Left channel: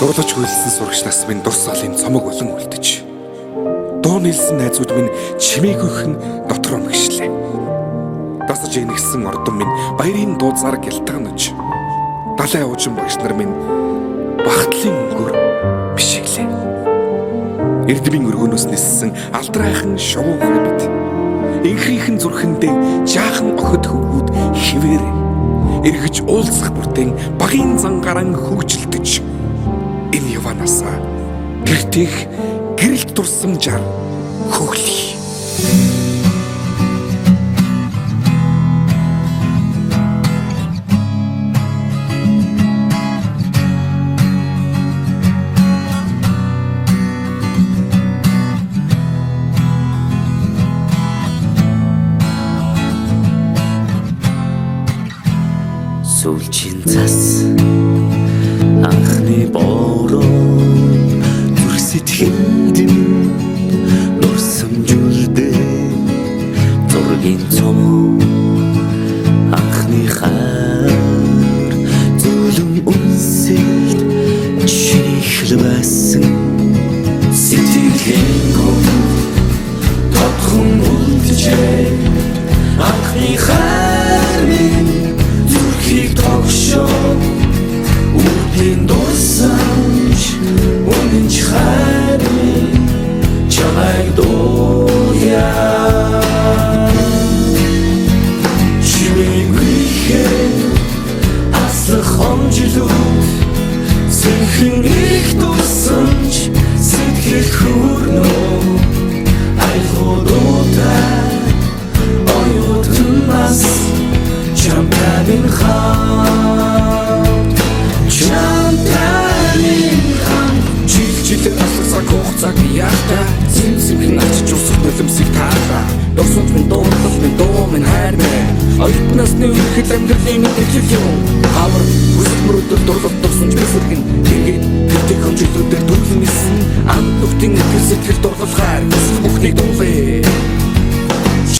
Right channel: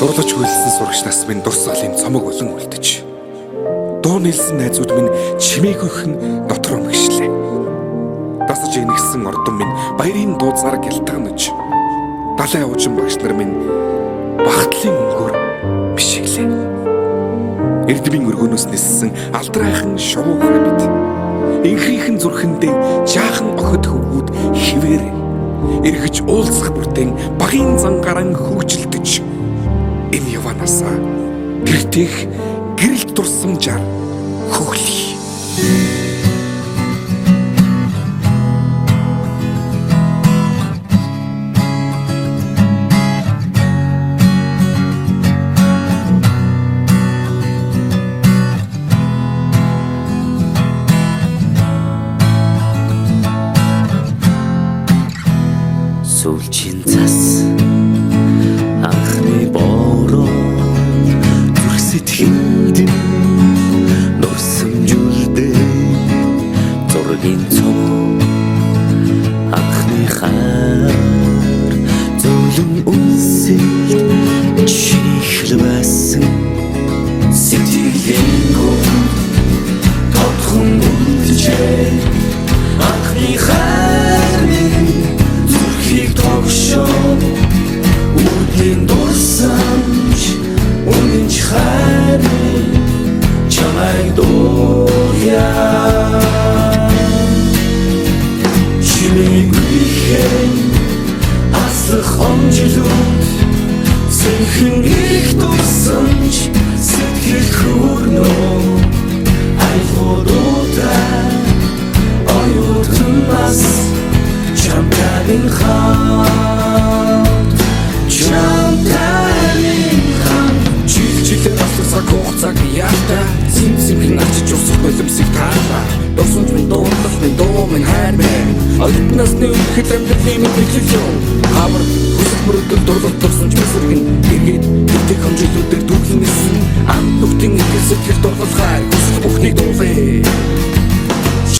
Дурлаж хүлсэн сурагч нас минь дурсгалын цомог болон үлдэж. Дуу нэлсэн найзууд минь чимээгүйхэн дотор өмгшлээ. Дасаж игнэгсэн ордон минь баярын дууцаар гялтганаж. Далай уужин багш нар минь багтлын өнгөөр бишиглээ. Эрдмийн өргөнөөс ниссэн алдрайхан шувуугай бид. Инхрийнхэн зүрхэндээ жаахан охид хөвгүүд хിവэр эргэж уулзах бүртэн багийн зангаран хөгжилдөж. Энэ яванасаа гэртэх гэрэлт турсамжаар хөглөе. Сүүлчийн цас анхны бороо зүрх сэтгэнд нурсамжуулдээ зургийн цом анхны хаар зөөлөн үнсэлт чиний хэлбэсэн сэтгэлийн гүн тодхон үлдэжээ анхны хаар минь зүрхийг тогшоо үрдийн дурсамж үнэнч хайрын чамайг дууяа чимээгүйхэн аслах омжилүүд сэнхэн их дурсамж сэтгэл хүрнөө айлгуудуутай оюутнаас Чамтайг хамт жилээр аслах хугацааг яахта зэмзэмхэн ачиж усах нулимсыг таалаа дурсамж минь дуурлал минь дуу минь хайр минь оюутнаас нөхөл амьдралын минь хэлэл юм хавар хүсэл мөрөдөл дурлал дурсамж бисэргэн эргээд гэртэх хэмжээлүүдээр дүрлэн нисэн анд нүхтэн итгэл сэтгэл дурлал хайр хүсэл бүхнийг дуулъя